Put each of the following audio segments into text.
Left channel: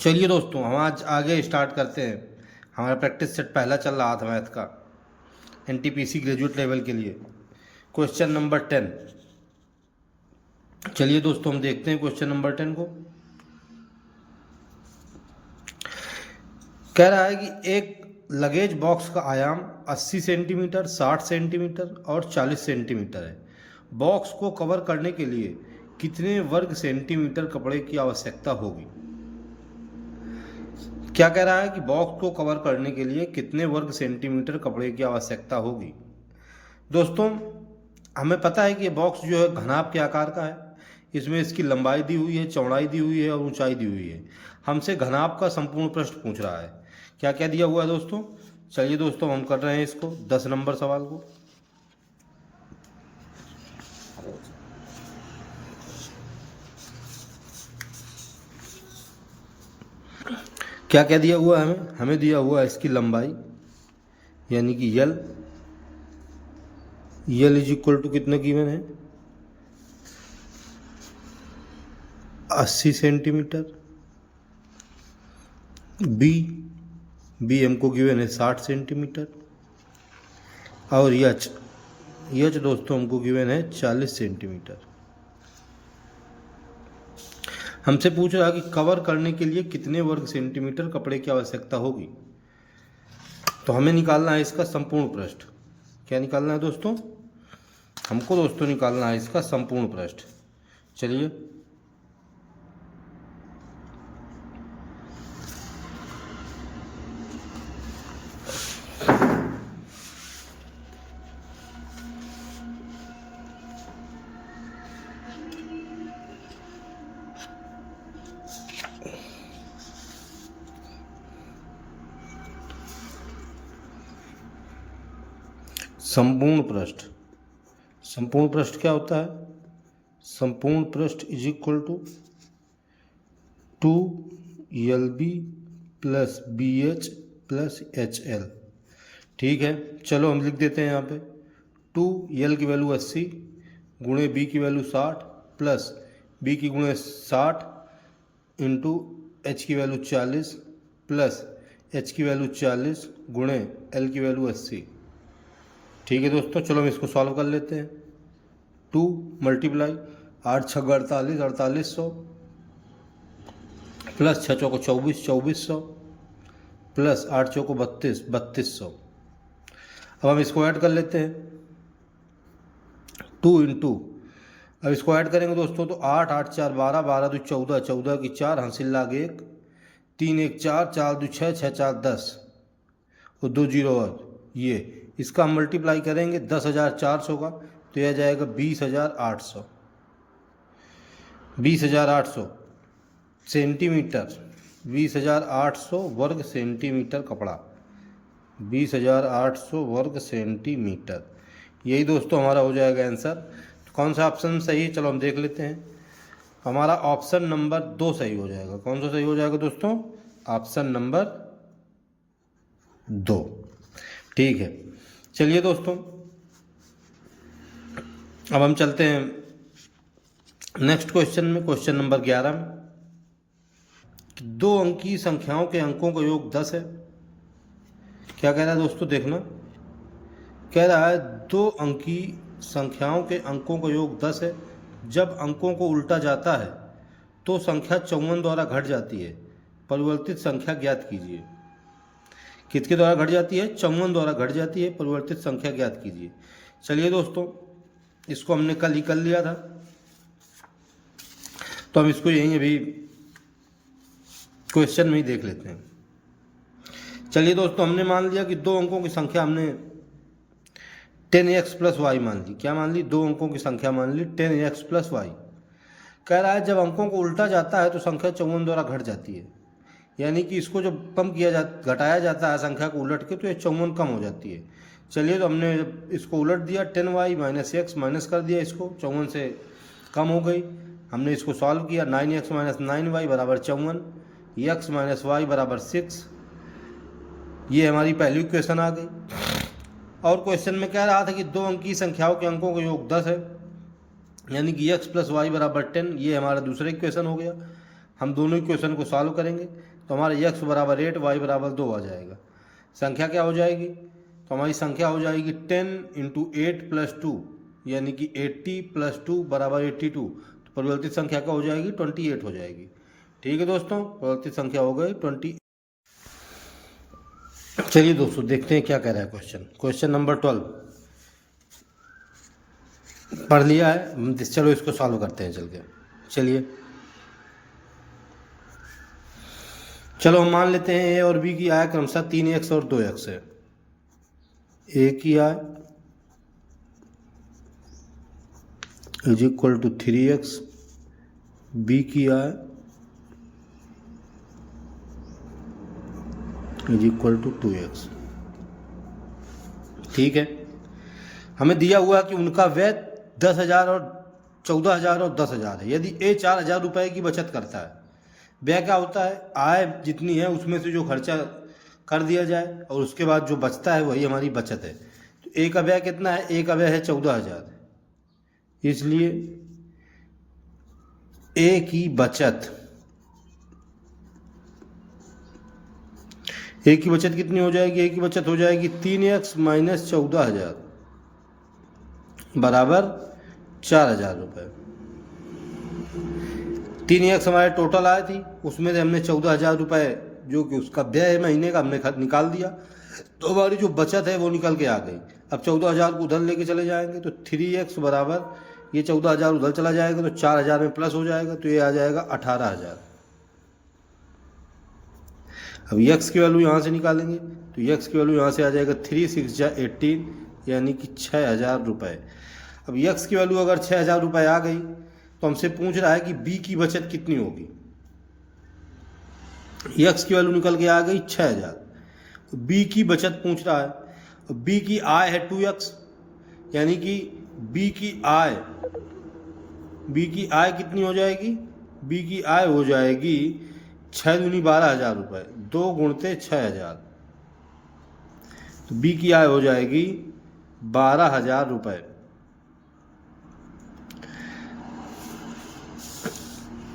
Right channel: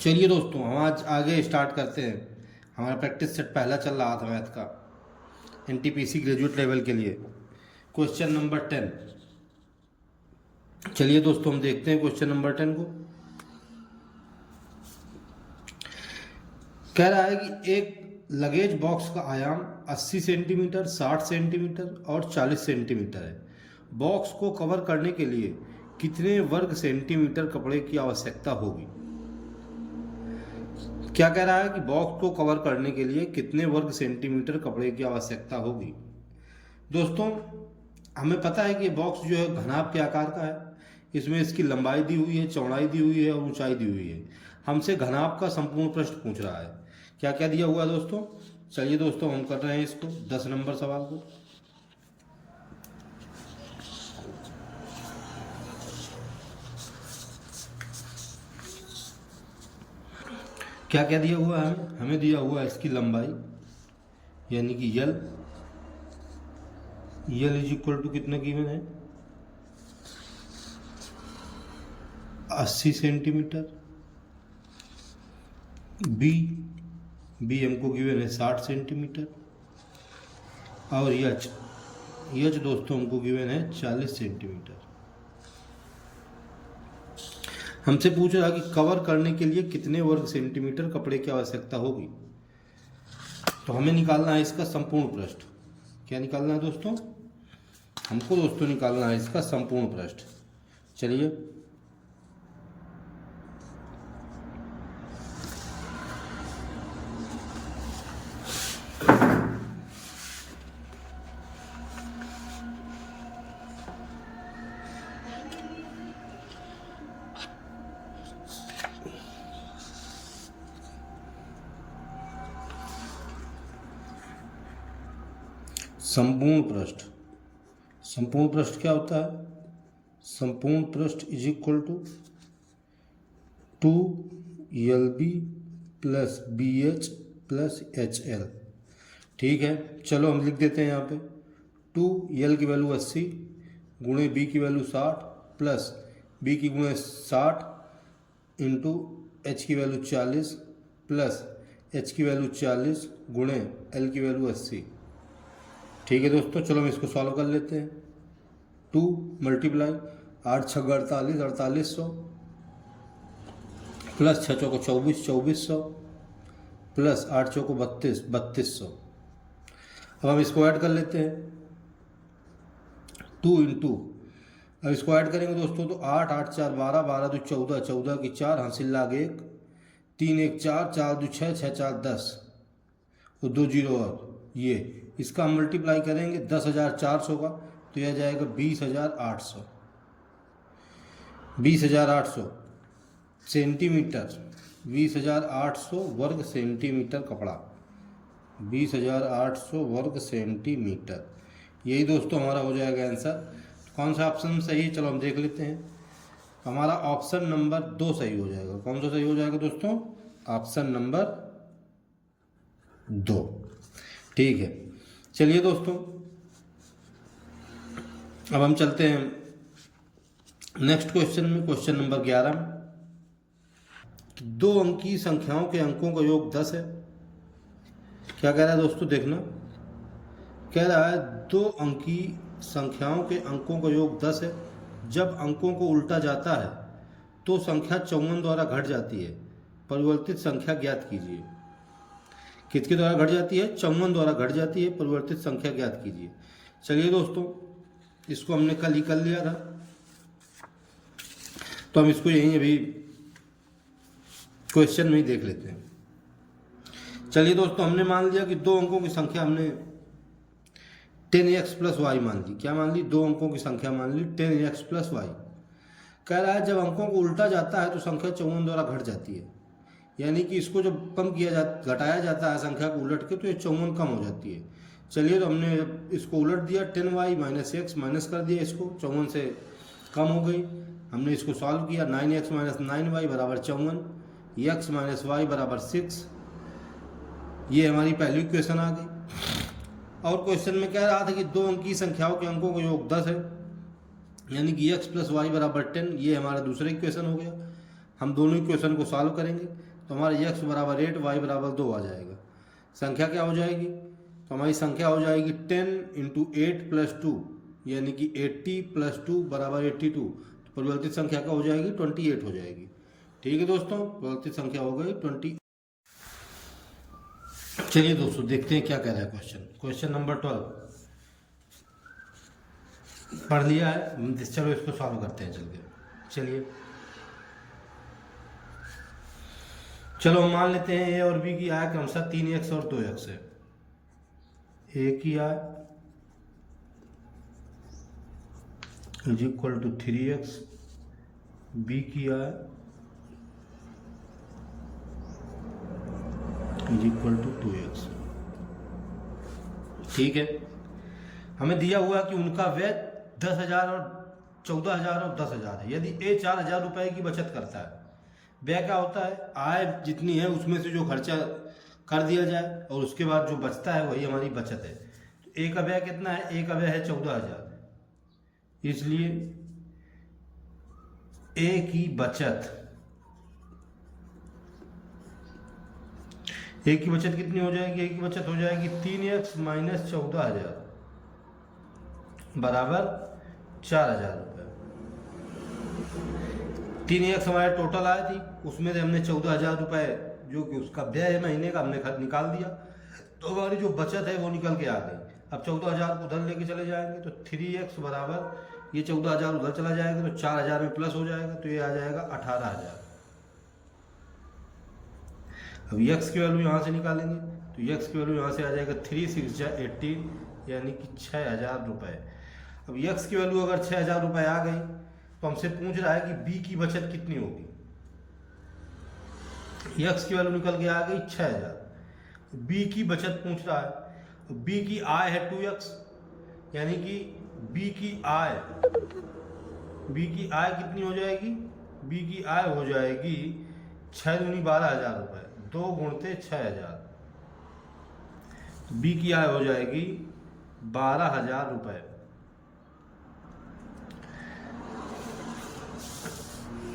चलिए दोस्तों, हम आज आगे स्टार्ट करते हैं। हमारा प्रैक्टिस सेट पहला चल रहा था मैथ का, एनटीपीसी ग्रेजुएट लेवल के लिए। Question number 10। चलिए दोस्तों, हम देखते हैं क्वेश्चन नंबर 10 को। कह रहा है कि एक लगेज बॉक्स का आयाम 80 सेंटीमीटर, 60 सेंटीमीटर और 40 सेंटीमीटर है। बॉक्स को कवर करने के लिए कितने वर्ग सेंटीमीटर कपड़े की आवश्यकता होगी? क्या कह रहा है कि बॉक्स को कवर करने के लिए कितने वर्ग सेंटीमीटर कपड़े की आवश्यकता होगी। दोस्तों, हमें पता है कि ये बॉक्स जो है घनाभ के आकार का है। इसमें इसकी लंबाई दी हुई है, चौड़ाई दी हुई है और ऊंचाई दी हुई है। हमसे घनाभ का संपूर्ण पृष्ठ पूछ रहा है। क्या क्या दिया हुआ है दोस्तों? चलिए दोस्तों, हम कर रहे हैं इसको 10 नंबर सवाल को। क्या क्या दिया हुआ है हमें दिया हुआ है इसकी लंबाई, यानी कि यल इज इक्वल टू कितना गिवन है? 80 सेंटीमीटर। बी हमको गिवन है 60 सेंटीमीटर। और यच दोस्तों हमको गिवन है 40 सेंटीमीटर। हमसे पूछ रहा है कि कवर करने के लिए कितने वर्ग सेंटीमीटर कपड़े की आवश्यकता होगी। तो हमें निकालना है इसका संपूर्ण पृष्ठ। क्या निकालना है दोस्तों? हमको दोस्तों निकालना है इसका संपूर्ण पृष्ठ। चलिए, संपूर्ण पृष्ठ क्या होता है? संपूर्ण पृष्ठ is equal to 2LB plus BH plus HL। ठीक है, चलो हम लिख देते हैं यहाँ पे 2L की वैल्यू 80 गुणे B की वैल्यू 60 प्लस B की गुणे 60 इंटू H की वैल्यू 40 प्लस H की वैल्यू 40 गुणे L की वैल्यू 80। ठीक है दोस्तों, चलो हम इसको सॉल्व कर लेते हैं। 2 मल्टीप्लाई 8 छः 48, 4800 प्लस 6 चौको 24, 2400 प्लस 8 चौको 32, 3200। अब हम इसको ऐड कर लेते हैं 2 इंटू, अब इसको ऐड करेंगे दोस्तों तो 8 8 4 12, 12 2 14, 14 की 4 हासिल लाग 1, 3 1 4, 4 2 6, 6 4 10 और 2 जीरो और ये इसका हम मल्टीप्लाई करेंगे 10,400 का, तो यह जाएगा 20,800। 20,800 सेंटीमीटर, 20,800 वर्ग सेंटीमीटर कपड़ा, 20,800 वर्ग सेंटीमीटर। यही दोस्तों हमारा हो जाएगा आंसर। कौन सा ऑप्शन सही है? चलो हम देख लेते हैं। हमारा ऑप्शन नंबर 2 सही हो जाएगा। कौन सा सही हो जाएगा दोस्तों? Option number 2। ठीक है, चलिए दोस्तों, अब हम चलते हैं नेक्स्ट क्वेश्चन में। क्वेश्चन नंबर 11 में 2 अंकी संख्याओं के अंकों का योग 10 है। क्या कह रहा है दोस्तों? देखना, कह रहा है 2 अंकी संख्याओं के अंकों का योग 10 है। जब अंकों को उल्टा जाता है तो संख्या 54 द्वारा घट जाती है। परिवर्तित संख्या ज्ञात कीजिए। किसके द्वारा घट जाती है? 54 द्वारा घट जाती है। परिवर्तित संख्या ज्ञात कीजिए। चलिए दोस्तों, इसको हमने कल ही कर लिया था, तो हम इसको यहीं अभी क्वेश्चन में ही देख लेते हैं। चलिए दोस्तों, हमने मान लिया कि 2 अंकों की संख्या हमने 10x प्लस वाई मान ली। क्या मान ली? 2 अंकों की संख्या मान ली 10x प्लस वाई। कह रहा है जब अंकों को उल्टा जाता है तो संख्या 54 द्वारा घट जाती है। यानी कि इसको जब कम किया घटाया जाता है संख्या को उलट के, तो ये 54 कम हो जाती है। चलिए, तो हमने जब इसको उलट दिया 10y माइनस एक्स माइनस कर दिया, इसको 54 से कम हो गई। हमने इसको सॉल्व किया 9x माइनस 9y बराबर 54, x माइनस वाई बराबर 6। ये हमारी पहली इक्वेशन आ गई। और क्वेश्चन में कह रहा था कि 2 अंकी संख्याओं के अंकों का योग 10 है, यानी कि x प्लस वाई बराबर 10। ये हमारा दूसरा इक्वेशन हो गया। हम दोनों इक्वेशन को सॉल्व करेंगे तो हमारा x बराबर 8 y बराबर 2 आ जाएगा। संख्या क्या हो जाएगी, तो हमारी संख्या हो जाएगी 10 इंटू 8 प्लस 2 यानी कि 80 प्लस 2 बराबर 82। तो परिवर्तित संख्या क्या हो जाएगी, 28 हो जाएगी। ठीक है दोस्तों, परिवर्तित संख्या हो गई 20। चलिए दोस्तों देखते हैं क्या कह रहा है क्वेश्चन। क्वेश्चन नंबर 12 पढ़ लिया है, चलो इसको सॉल्व करते हैं चल के। चलिए चलो हम मान लेते हैं ए और बी की आय क्रमशः 3x और 2x है। ए की आय is equal to 3x, B की आय इज इक्वल टू 2x। ठीक है, हमें दिया हुआ कि उनका व्यय 10,000 और 14,000 और 10,000 है। यदि ए 4,000 रुपये की बचत करता है, व्यय क्या होता है, आय जितनी है उसमें से जो खर्चा कर दिया जाए और उसके बाद जो बचता है वही हमारी बचत है। तो ए का व्यय कितना है, ए का व्यय है 14,000, इसलिए ए की बचत, ए की बचत कितनी हो जाएगी, ए की बचत हो जाएगी 3x माइनस 14,000 बराबर 4,000 रुपये। 3x हमारे टोटल आया थी, उसमें से हमने 14,000 रुपये जो कि उसका व्यय है महीने का हमने निकाल दिया, तो हमारी जो बचत है वो निकल के आ गई। अब 14,000 को उधर लेके चले जाएंगे तो 3x बराबर ये 14,000 उधर चला जाएगा तो 4,000 में प्लस हो जाएगा, तो ये आ जाएगा 18,000। अब x की वैल्यू यहाँ से निकालेंगे तो x की वैल्यू यहाँ से आ जाएगा 3 6 जा 18 यानी कि 6,000 रुपये। अब x की वैल्यू अगर 6,000 रुपये आ गई तो हमसे पूछ रहा है कि b की बचत कितनी होगी। x की वैल्यू निकल के आ गई 6,000, b की बचत पूछ रहा है। b की आय है 2x यानी कि b की आय कितनी हो जाएगी, b की आय हो जाएगी 6 दूनी 12,000 रुपये, 2 गुणते 6,000, तो बी की आय हो जाएगी 12,000 रुपये।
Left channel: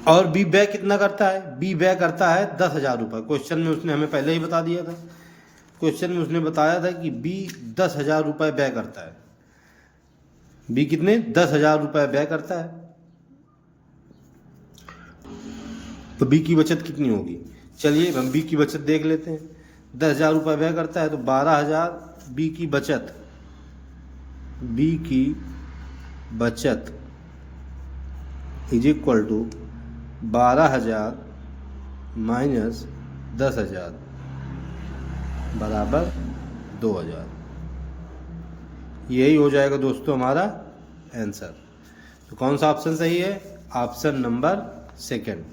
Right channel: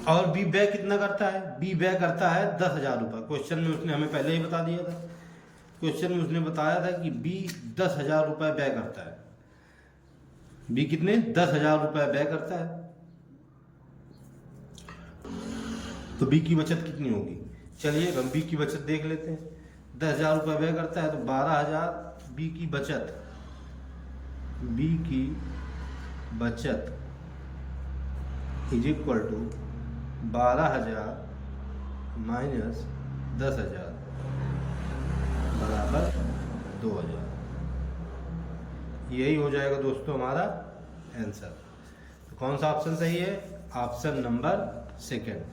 और बी व्यय कितना करता है, बी व्यय करता है 10,000 रुपये। क्वेश्चन में उसने हमें पहले ही बता दिया था, क्वेश्चन में उसने बताया था कि बी 10,000 रुपये व्यय करता है। बी कितने, 10,000 रुपये व्यय करता है, तो बी की बचत कितनी होगी। चलिए हम बी की बचत देख लेते हैं। 10,000 रुपये व्यय करता है तो 12,000 बी की बचत, बी की बचत इज इक्वल टू 12,000 माइनस 10,000 बराबर 2,000। यही हो जाएगा दोस्तों हमारा आंसर। तो कौन सा ऑप्शन सही है, ऑप्शन नंबर 2।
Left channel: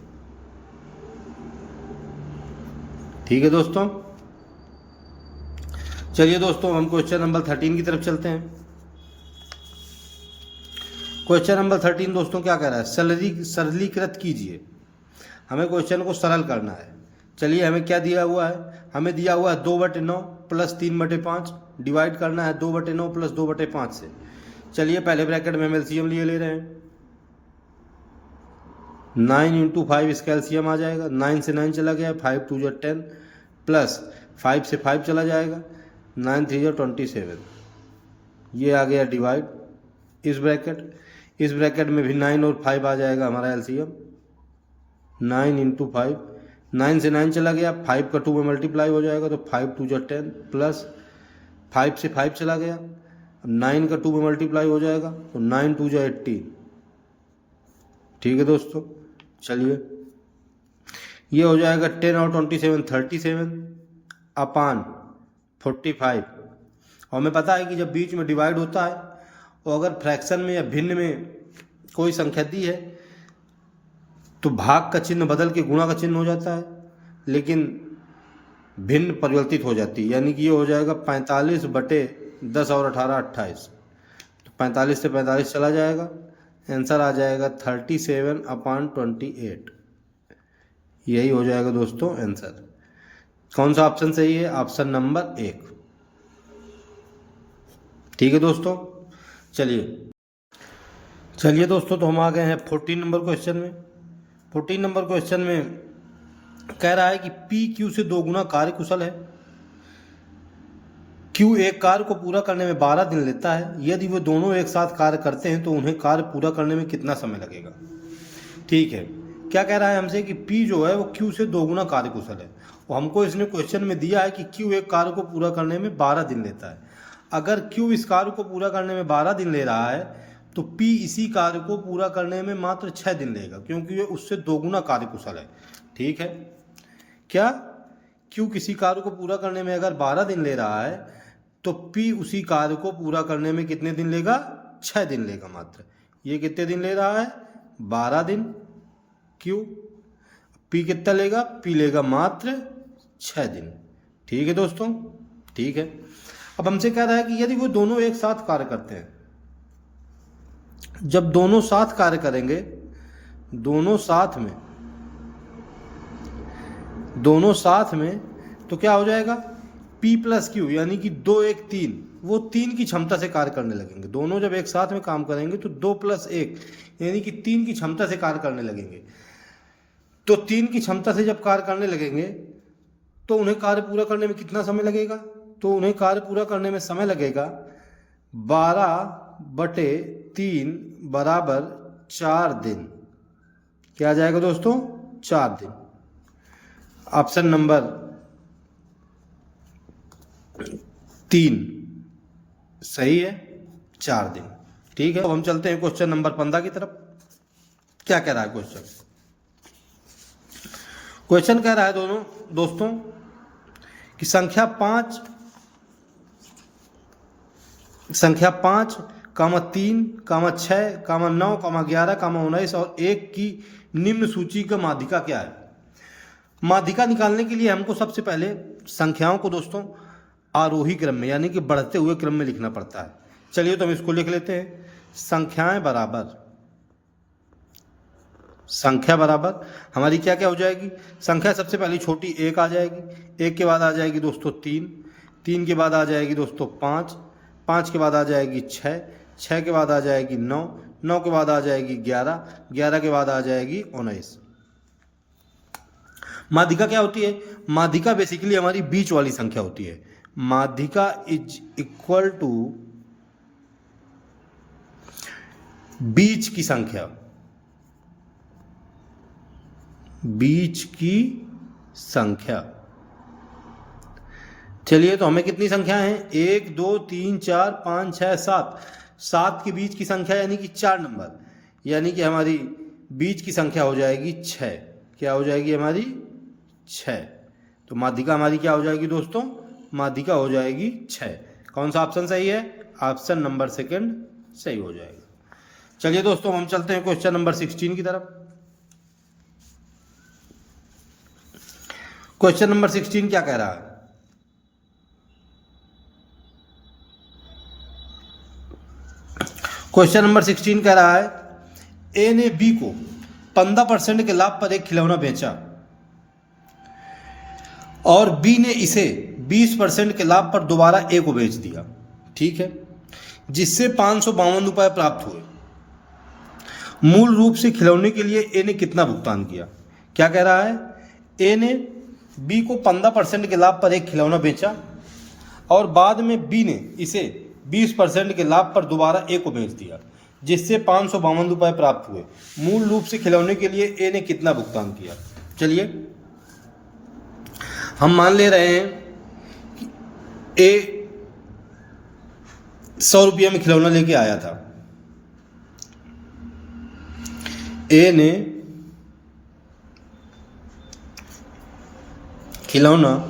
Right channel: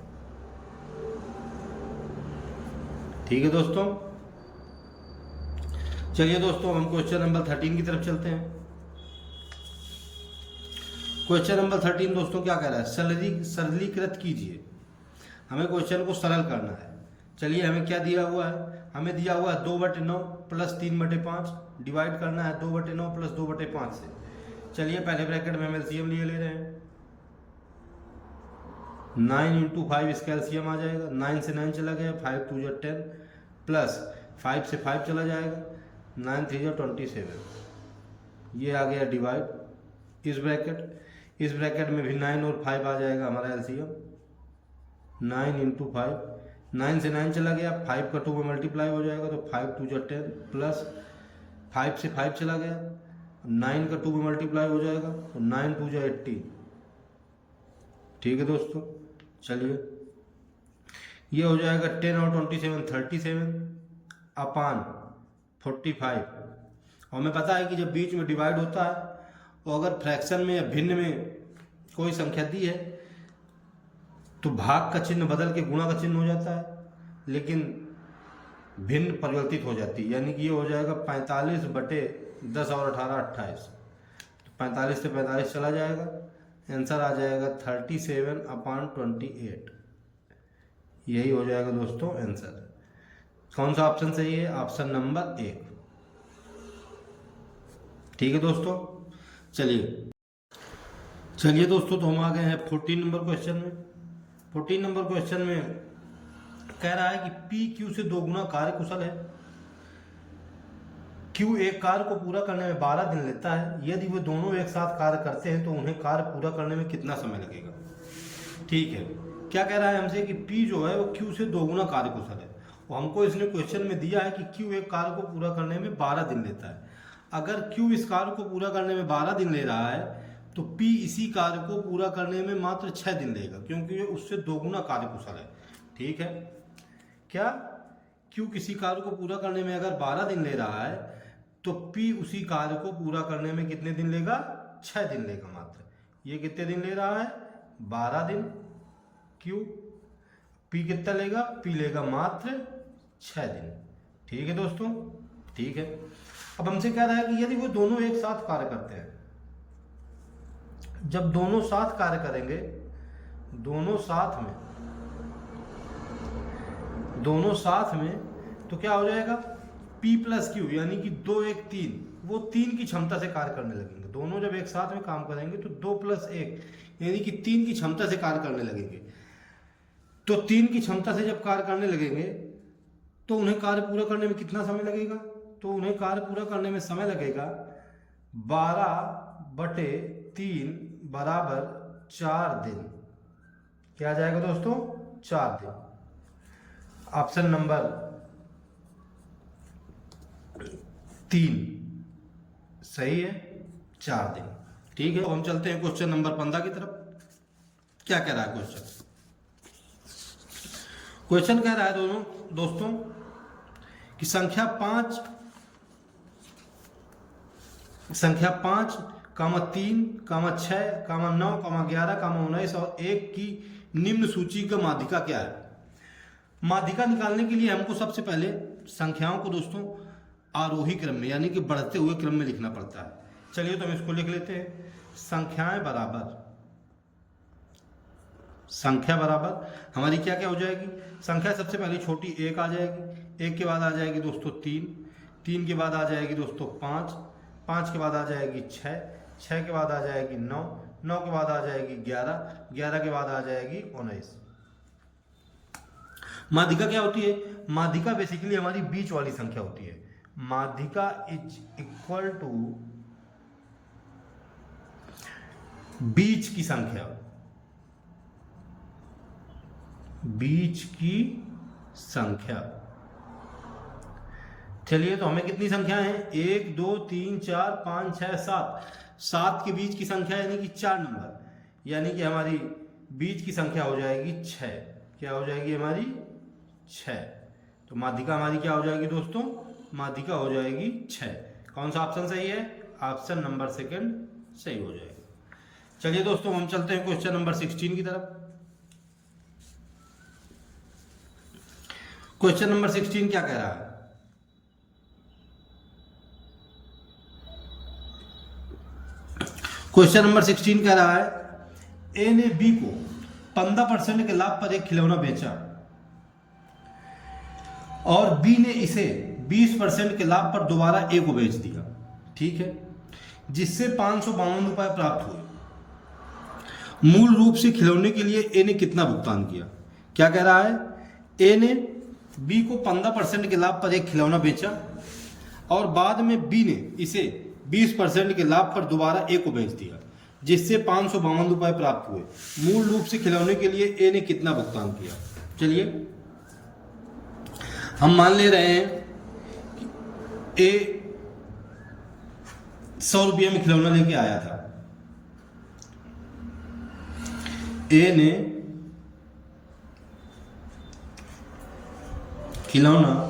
ठीक है दोस्तों, चलिए दोस्तों हम क्वेश्चन नंबर 13 की तरफ चलते हैं। क्वेश्चन नंबर 13 दोस्तों क्या कह रहा है, सरलीकृत कीजिए। हमें क्वेश्चन को सरल करना है। चलिए हमें क्या दिया हुआ है, हमें दिया हुआ है 2/9 प्लस 3/5, डिवाइड करना है 2/9 प्लस 2/5 से। चलिए पहले ब्रैकेट में हम एलसीएम ले रहे हैं। 9 इंटू 5 इसका एलसीएम आ जाएगा, 9 से 9 चला गया, 5 2 जा 10 प्लस 5 से 5 चला जाएगा, 9 3 जा 27। ये आ गया डिवाइड इस ब्रैकेट में भी 9 और 5 आ जाएगा हमारा एलसीएम। 9 इंटू 5, 9 से 9 चला गया, 5 का 2 में मल्टीप्लाई हो जाएगा तो 5 2 जा 10 प्लस 5 से 5 चला गया, 9 का 2 में मल्टीप्लाई हो जाएगा तो 9 2 जा 18। ठीक है दोस्तों, चलिए ये हो जाएगा 10 और 27 37 अपान 45। और हमें पता है कि जब बीच में डिवाइड होता है और अगर फ्रैक्शन में या भिन्न में कोई संख्या दी है तो भाग का चिन्ह बदल के गुणा का चिन्ह हो जाता है, लेकिन भिन्न परिवर्तित हो जाती है। यानी कि ये हो जाएगा 45/10 और 18 28, तो 45 से 45 चला जाएगा, आंसर आ जाएगा 37/28। यही हो जाएगा दोस्तों आंसर। कौन सा ऑप्शन सही है, ऑप्शन नंबर 1। ठीक है दोस्तों, चलिए दोस्तों तो हम आ गए हैं 14 नंबर क्वेश्चन में। 14 नंबर क्वेश्चन में कह रहा है कि पी क्यू से 2 गुना कार्य कुशल है। क्यू एक कार्य को पूरा करने में 12 दिन लेता है। यदि वे दोनों एक साथ कार्य करते हैं तो उन्हें कार्य पूरा करने में कितना समय लगेगा। ठीक है, क्या कह रहा है हमसे कि पी जो है वो क्यू से 2 गुना कार्य कुशल है। और हमको इसने क्वेश्चन में दिया है कि क्यू एक कार्य को पूरा करने में 12 दिन लेता है। अगर क्यू इस कार्य को पूरा करने में 12 दिन ले रहा है तो पी इसी कार्य को पूरा करने में मात्र 6 दिन लेगा, क्योंकि वे उससे 2 गुना कार्य कुशल है। ठीक है, क्या क्यू किसी कार्य को पूरा करने में अगर 12 दिन ले रहा है तो पी उसी कार्य को पूरा करने में कितने दिन लेगा, 6 दिन लेगा मात्र। ये कितने दिन ले रहा है, 12 दिन। क्यू पी कितना लेगा, पी लेगा मात्र 6 दिन। ठीक है दोस्तों, ठीक है। अब हमसे कह रहा है कि यदि वो दोनों एक साथ कार्य करते हैं, जब दोनों साथ कार्य करेंगे, दोनों साथ में तो क्या हो जाएगा, P प्लस क्यू यानी कि 2 1 3, वो 3 की क्षमता से कार्य करने लगेंगे। दोनों जब एक साथ में काम करेंगे तो 2 प्लस 1 यानी कि 3 की क्षमता से कार्य करने लगेंगे। तो 3 की क्षमता से जब कार्य करने लगेंगे तो उन्हें कार्य पूरा करने में कितना समय लगेगा, तो उन्हें कार्य पूरा करने में समय लगेगा 12/3 बराबर 4 दिन। क्या आ जाएगा दोस्तों, 4 दिन। ऑप्शन नंबर 3 सही है, 4 दिन। ठीक है, अब हम चलते हैं क्वेश्चन नंबर 15 की तरफ। क्या कह रहा है क्वेश्चन कह रहा है दोस्तों कि संख्या 5, 5, 3, 6, 9, 11, 19 और 1 की निम्न सूची का माध्यिका क्या है। माध्यिका निकालने के लिए हमको सबसे पहले संख्याओं को दोस्तों आरोही क्रम में यानी कि बढ़ते हुए क्रम में लिखना पड़ता है। चलिए तो हम इसको लिख लेते हैं। संख्या बराबर हमारी क्या क्या हो जाएगी, संख्या सबसे पहले छोटी 1 आ जाएगी, 1 के बाद आ जाएगी दोस्तों 3, 3 के बाद आ जाएगी दोस्तों 5, 5 के बाद आ जाएगी 6, 6 के बाद आ जाएगी 9, 9 के बाद आ जाएगी 11, 11 के बाद आ जाएगी 19। माध्यिका क्या होती है, माध्यिका बेसिकली हमारी बीच वाली संख्या होती है। माध्यिका इज इक्वल टू बीच की संख्या, बीच की संख्या। चलिए तो हमें कितनी संख्या है, 1 2 3 4 5 6 7, 7 के बीच की संख्या यानी कि 4 नंबर, यानी कि हमारी बीच की संख्या हो जाएगी 6। क्या हो जाएगी हमारी 6। तो माध्यिका हमारी क्या हो जाएगी दोस्तों, माध्यिका हो जाएगी 6। कौन सा ऑप्शन सही है, ऑप्शन नंबर 2 सही हो जाएगा। चलिए दोस्तों हम चलते हैं क्वेश्चन नंबर 16 की तरफ। क्वेश्चन नंबर 16 क्या कह रहा है, क्वेश्चन नंबर 16 कह रहा है ए ने बी को 15% के लाभ पर एक खिलौना बेचा और बी ने इसे 20% के लाभ पर दोबारा ए को बेच दिया। ठीक है, जिससे 552 रुपए प्राप्त हुए। मूल रूप से खिलौने के लिए ए ने कितना भुगतान किया। क्या कह रहा है, ए ने बी को 15% के लाभ पर एक खिलौना बेचा और बाद में बी ने इसे 20% के लाभ पर दोबारा ए को बेच दिया, जिससे 552 रुपए प्राप्त हुए। मूल रूप से खिलौने के लिए ए ने कितना भुगतान किया। चलिए हम मान ले रहे हैं कि ए 100 रुपये में खिलौना लेके आया था। ए ने खिलौना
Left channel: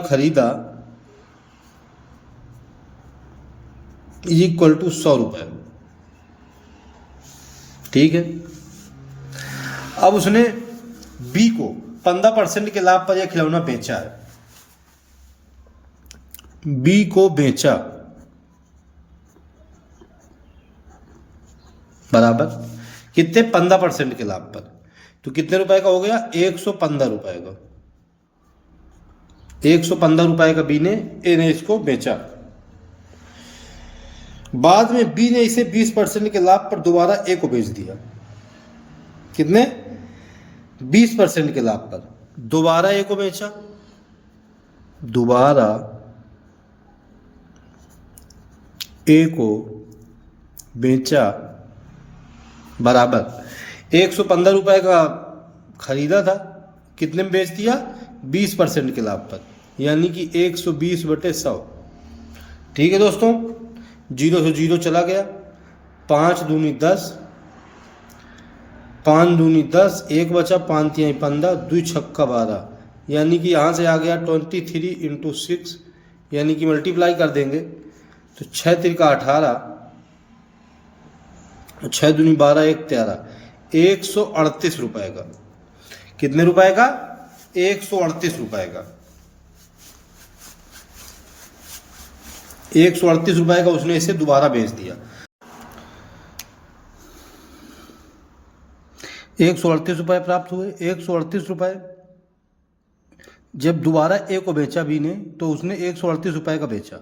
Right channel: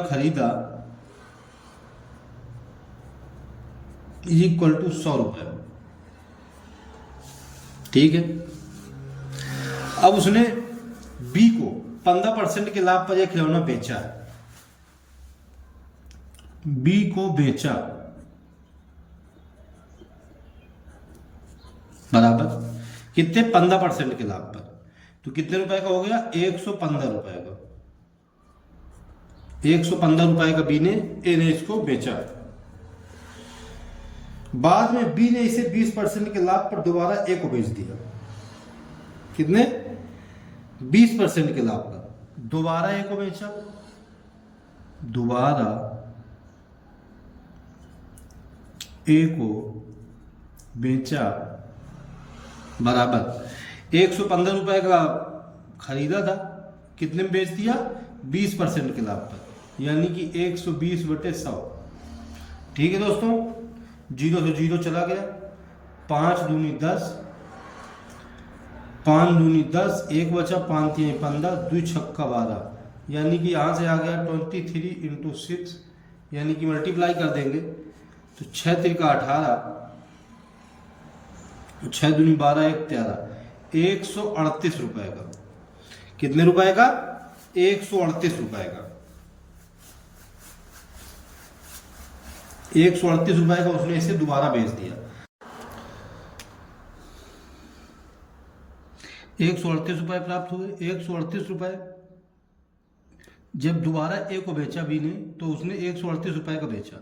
खरीदा इक्वल टू 100 रुपये। ठीक है, अब उसने बी को 15% के लाभ पर यह खिलौना बेचा है। बी को बेचा बराबर कितने, 15% के लाभ पर। तो कितने रुपए का हो गया, 115 रुपए का। 115 रुपए का बी ने ए ने इसको बेचा। बाद में बी ने इसे 20% के लाभ पर दोबारा ए को बेच दिया। कितने? 20% के लाभ पर दोबारा ए को बेचा, दोबारा ए को बेचा, बराबर 115 रुपए का खरीदा था, कितने में बेच दिया? 20% के लाभ पर, यानी कि 120/100। ठीक है दोस्तों, 0 से 0 चला गया, 5 दूनी 10, 5 दूनी 10, 1 बचा, 5 तिहाई 15, 2 छक्का 12, यानी कि यहाँ से आ गया 23 × 6, यानी कि मल्टीप्लाई कर देंगे तो 6 तिरका 18, 6 दूनी 12, 1 13, 138 रुपए का। कितने रुपए का? 138 रुपए का। 138 रुपए का उसने इसे दोबारा बेच दिया। 138 रुपए प्राप्त हुए। 138 रुपए जब दोबारा ए को बेचा बी ने, तो उसने 138 रुपए का बेचा।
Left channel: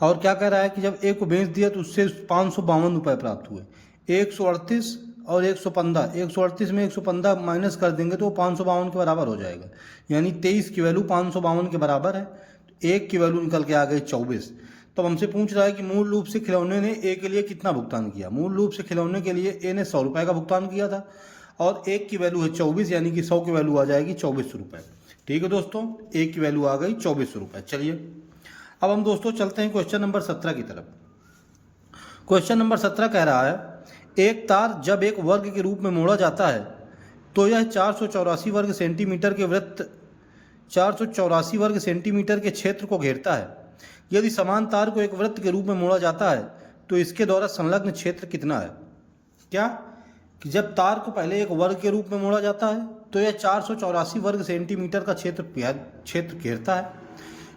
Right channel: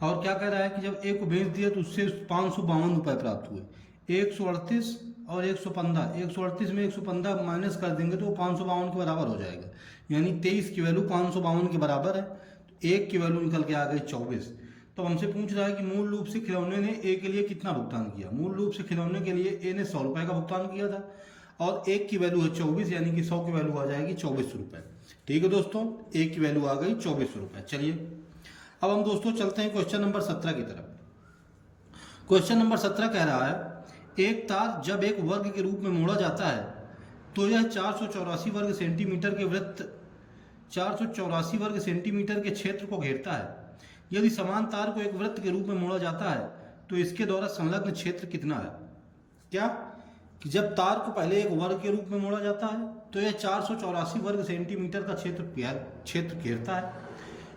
और क्या कह रहा है कि जब ए को बेच दिया तो उससे 552 रुपए प्राप्त हुए। 138 और 115, 138 में 115 माइनस कर देंगे तो 552 के बराबर हो जाएगा, यानी 23 की वैल्यू 552 के बराबर है। 1 की वैल्यू निकल के आ गई 24। तो हमसे पूछ रहा है कि मूल रूप से खिलौने ने ए के लिए कितना भुगतान किया। मूल रूप से खिलौने के लिए ए ने 100 रुपए का भुगतान किया था और 1 की वैल्यू है 24, यानी कि 100 की वैल्यू आ जाएगी 24 रुपए। ठीक है दोस्तों, 1 की वैल्यू आ गई 24 रुपए। चलिए अब हम दोस्तों चलते हैं क्वेश्चन नंबर 17 की तरफ। क्वेश्चन नंबर 17 कह रहा है, एक तार जब एक वर्ग के रूप में मोड़ा जाता है तो यह 484 वर्ग सेंटीमीटर के वृत्त 484 वर्ग सेंटीमीटर के क्षेत्र को घेरता है। यदि समान तार को एक वृत्त के रूप में मोड़ा जाता है तो इसके द्वारा संलग्न क्षेत्र कितना है? क्या कि जब तार को पहले एक वर्ग के रूप में मोड़ा जाता है तो यह 484 वर्ग सेंटीमीटर का क्षेत्र घेरता है।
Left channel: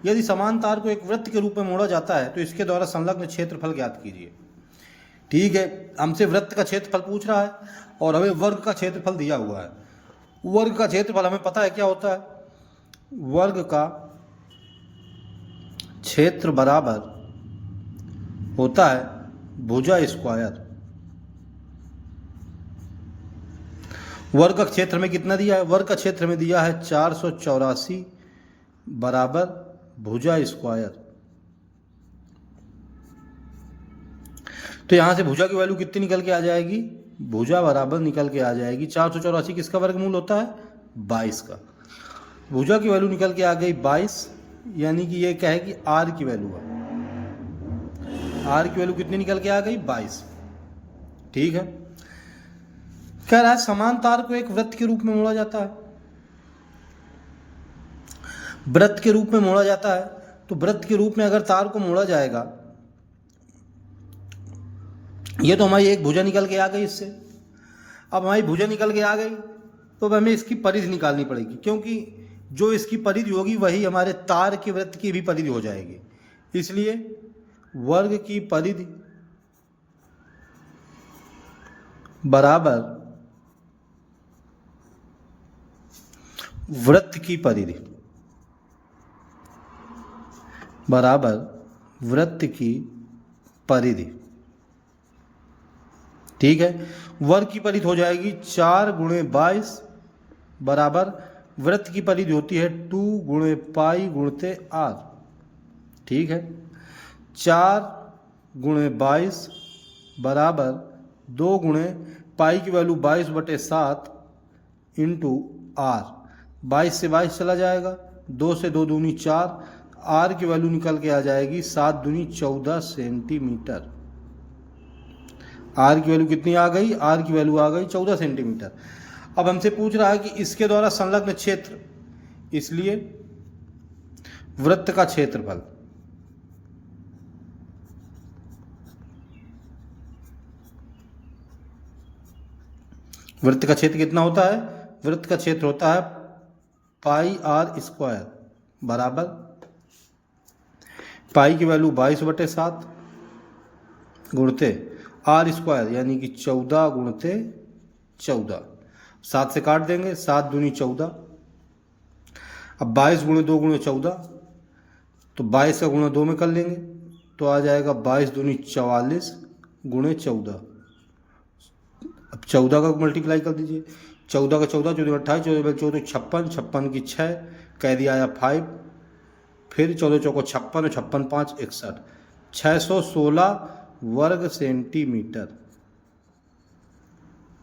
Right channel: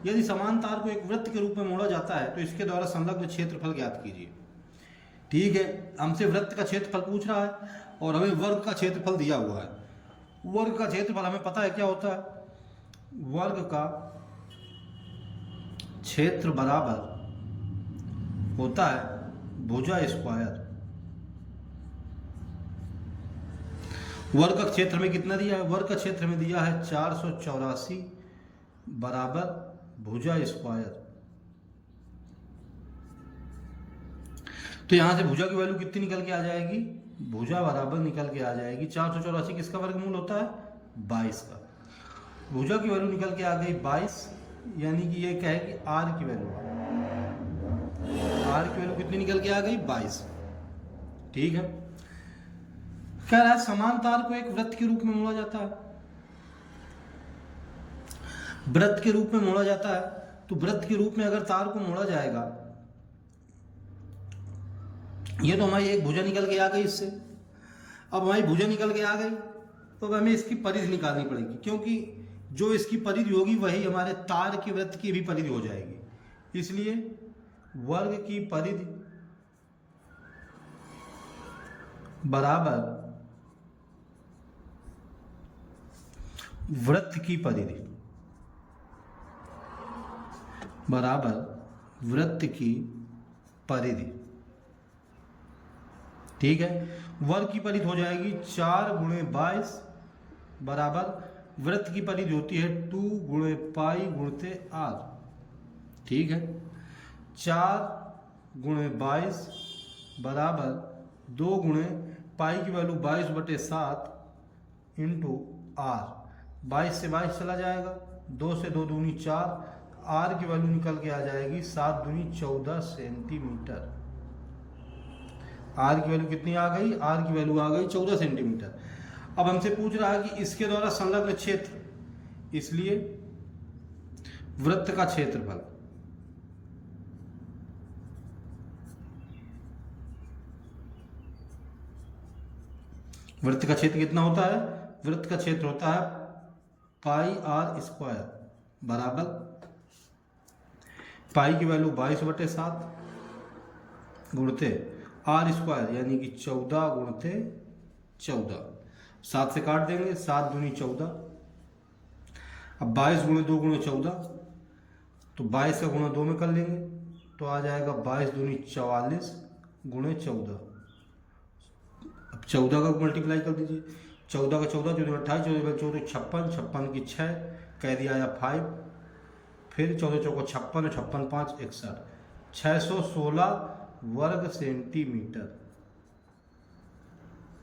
यदि समान तार को एक वृत्त के रूप में मोड़ा जाता है तो इसके द्वारा संलग्न क्षेत्रफल ज्ञात कीजिए। ठीक है, हमसे वृत्त का क्षेत्रफल पूछ रहा है और हमें वर्ग का क्षेत्रफल दिया हुआ है। वर्ग का क्षेत्रफल हमें पता है क्या होता है। वर्ग का क्षेत्र बराबर होता है भुजा स्क्वायर। वर्ग का क्षेत्र में कितना दिया है? वर्ग का क्षेत्र में दिया है 484 बराबर भुजा स्क्वायर। तो यहां से भुजा की वैल्यू कितनी निकल के आ जाएगी? भुजा बराबर निकल के आ जाएगी 484 किसका वर्गमूल होता है? 22 का। भुजा की वैल्यू निकल के आ गई 22, यानी कि ये क्या है कि आर की वैल्यू है। आर की वैल्यू कितनी निकल के आ गई? 22। ठीक है, कह रहा है समान तार को एक वृत्त के रूप में मोड़ा जाता है। वृत्त के रूप में मोड़ा जाता है तो वृत्त के रूप में अगर तार को मोड़ा जाएगा, ये तो हमारी एक भुजा निकल के आ गई इससे। अब हमारी भुजा निकल के आ गई तो अब हमें इसकी परिधि निकालनी पड़ेगी, क्योंकि जो इसकी परिधि होगी वही हमारे तार के वृत्त की भी परिधि हो जाएगी। इसलिए वर्ग की परिधि बराबर वृत्त की परिधि बराबर वृत्त की परिधि। ठीक है, वर्ग की परिधि हो जाएगी 4 × 22 बराबर वृत्त की परिधि होती है 2 × पाई × r। ठीक है, 4 × 22 बराबर 2 × पाई की वैल्यू 22/7 इंटू r। 22 से 22 चला जाएगा, 2 से 2 दूनी 4, r की वैल्यू निकल के आ जाएगी 7 दूनी 14 सेंटीमीटर। r की वैल्यू कितनी आ गई? r की वैल्यू आ गई 14 सेंटीमीटर। अब हमसे पूछ रहा है कि इसके द्वारा संलग्न क्षेत्र, इसलिए वृत्त का क्षेत्रफल वृत्त का क्षेत्र कितना होता है? वृत्त का क्षेत्र होता है पाई r स्क्वायर बराबर पाई की वैल्यू 22/7 गुणते r स्क्वायर, यानी कि 14 × 14। 7 से काट देंगे, 7 दूनी 14। अब 22 × 2 × 14, तो 22 का गुणा 2 में कर लेंगे तो आ जाएगा 22 दूनी 44 गुणे 14। अब 14 का मल्टीप्लाई कर दीजिए, 14 का 14 14 28 14 14 56 56 की 6 कह दिया आया 5, फिर 14 चौको 56 56 5 61 616 वर्ग सेंटीमीटर।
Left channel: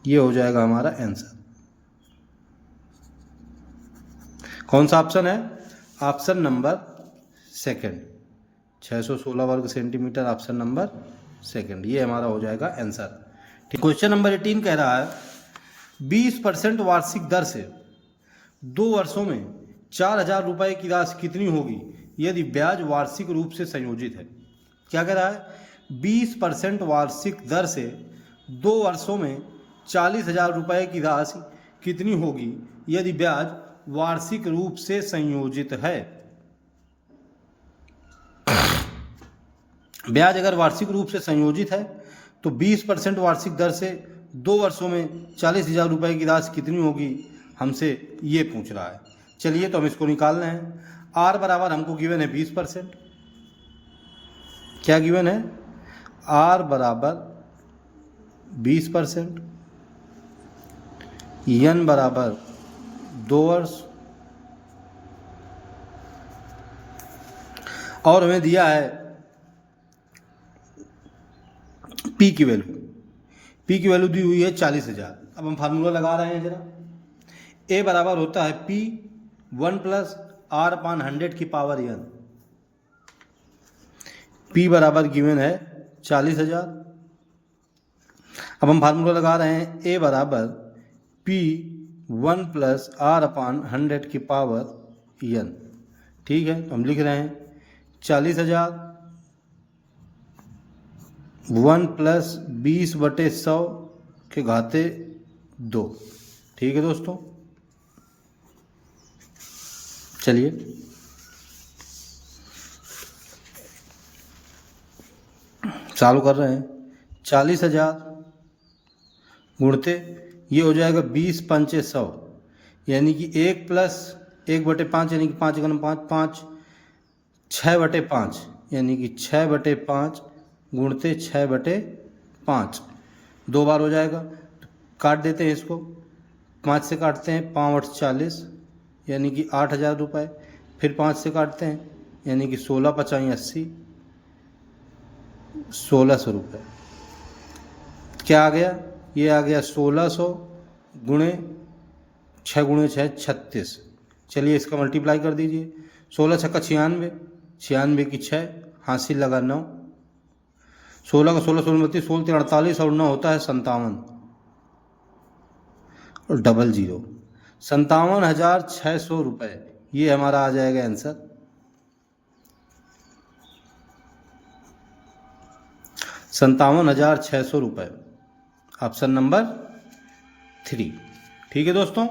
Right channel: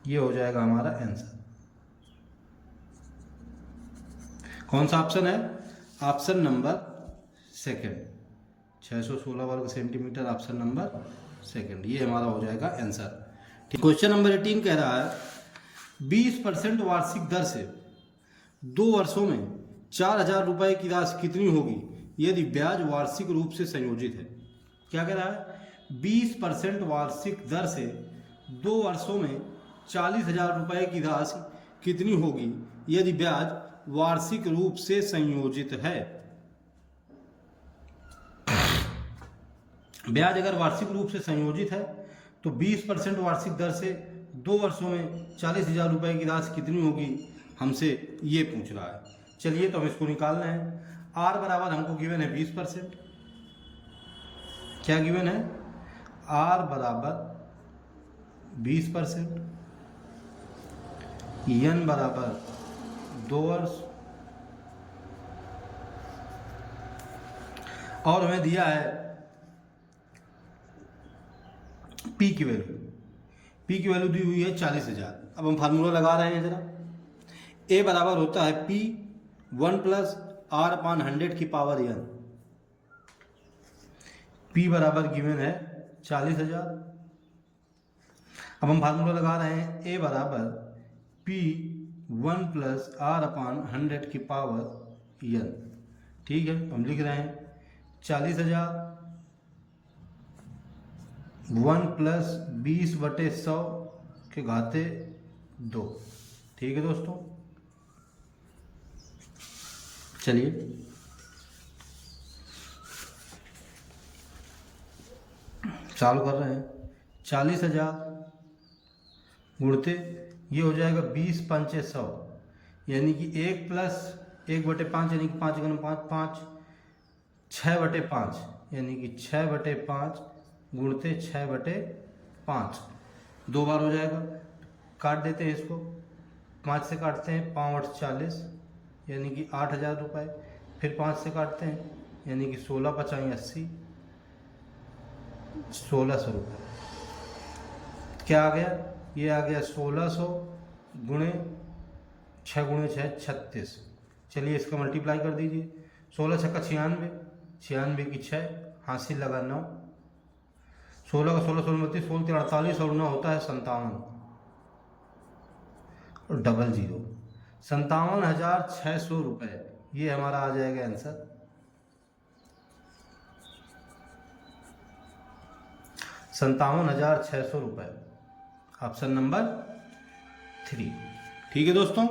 ये हो जाएगा हमारा आंसर। कौन सा ऑप्शन है? ऑप्शन नंबर सेकंड, 616 वर्ग सेंटीमीटर, ऑप्शन नंबर सेकंड, ये हमारा हो जाएगा आंसर। ठीक, क्वेश्चन नंबर 18 कह रहा है 20% वार्षिक दर से 2 वर्षों में 4000 रुपए की राशि कितनी होगी यदि ब्याज वार्षिक रूप से संयोजित है। क्या कह रहा है? 20% वार्षिक दर से 2 वर्षों में 40,000 रुपए की राशि कितनी होगी यदि ब्याज वार्षिक रूप से संयोजित है। ब्याज अगर वार्षिक रूप से संयोजित है तो 20% वार्षिक दर से 2 वर्षों में 40,000 रुपए की राशि कितनी होगी, हमसे ये पूछ रहा है। चलिए तो हम इसको निकाल रहे हैं। आर बराबर हमको गिवन है 20%। क्या गिवन है? आर बराबर 20%, एन बराबर 2 वर्ष, और हमें दिया है पी की वैल्यू। पी की वैल्यू दी हुई है 40,000। अब हम फार्मूला लगा रहे हैं जरा। ए बराबर होता है पी 1 प्लस आर अपान 100 की पावर एन। पी बराबर गिवन है 40,000। अब हम फार्मूला लगा रहे हैं ए बराबर पी 1 प्लस आर अपान 100 की पावर एन। ठीक है, हम लिख रहे हैं 40,000 1 प्लस 20/100 के घाते 2। ठीक है दोस्तों, चलिए चालू कर रहे हैं। 40,000 गुणते ये हो जाएगा 20 पंचे 100, यानी कि 1 प्लस 1/5 यानी कि 5 गुना 5 5 6/5 यानी कि 6/5 गुणते 6/5 2 बार हो जाएगा। काट देते हैं इसको, 5 से काटते हैं 5 8 40 यानी कि 8,000 रुपये, फिर 5 से काटते हैं यानी कि 16 5 80 1600 रुपये। क्या आ गया? ये आ गया 1600 गुणे 6 गुणे 6 36। चलिए इसका मल्टीप्लाई कर दीजिए। 16 छक्का 96, 96 की 6 हासिल लगा 9, 16 का 16 16 32 16 48 और 9 होता है 57 और 00 57,600 रुपये। ये हमारा आ जाएगा आंसर। 57,600 रुपये, ऑप्शन नंबर 3। ठीक है दोस्तों।